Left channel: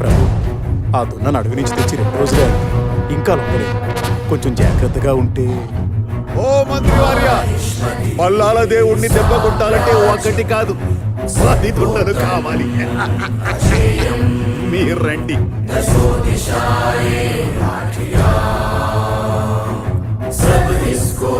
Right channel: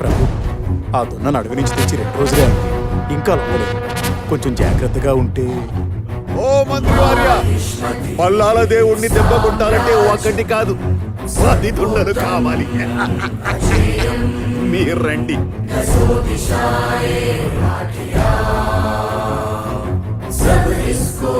ప్రభు, ఆ దున్నను అడవి నుంచి తెచ్చి 2 రోజులే అయింది. ఇంకా లొంగలేదు. కొంచెం జాగ్రత్తగా ఉంటే. ఓ మంత్రివార్య, పల్లాల దేవుణ్ణి దెబ్బ కొట్టాలంటే ఒకటి కాదు 10 దున్నలు కావాలి. మీరు రండి. सब इसको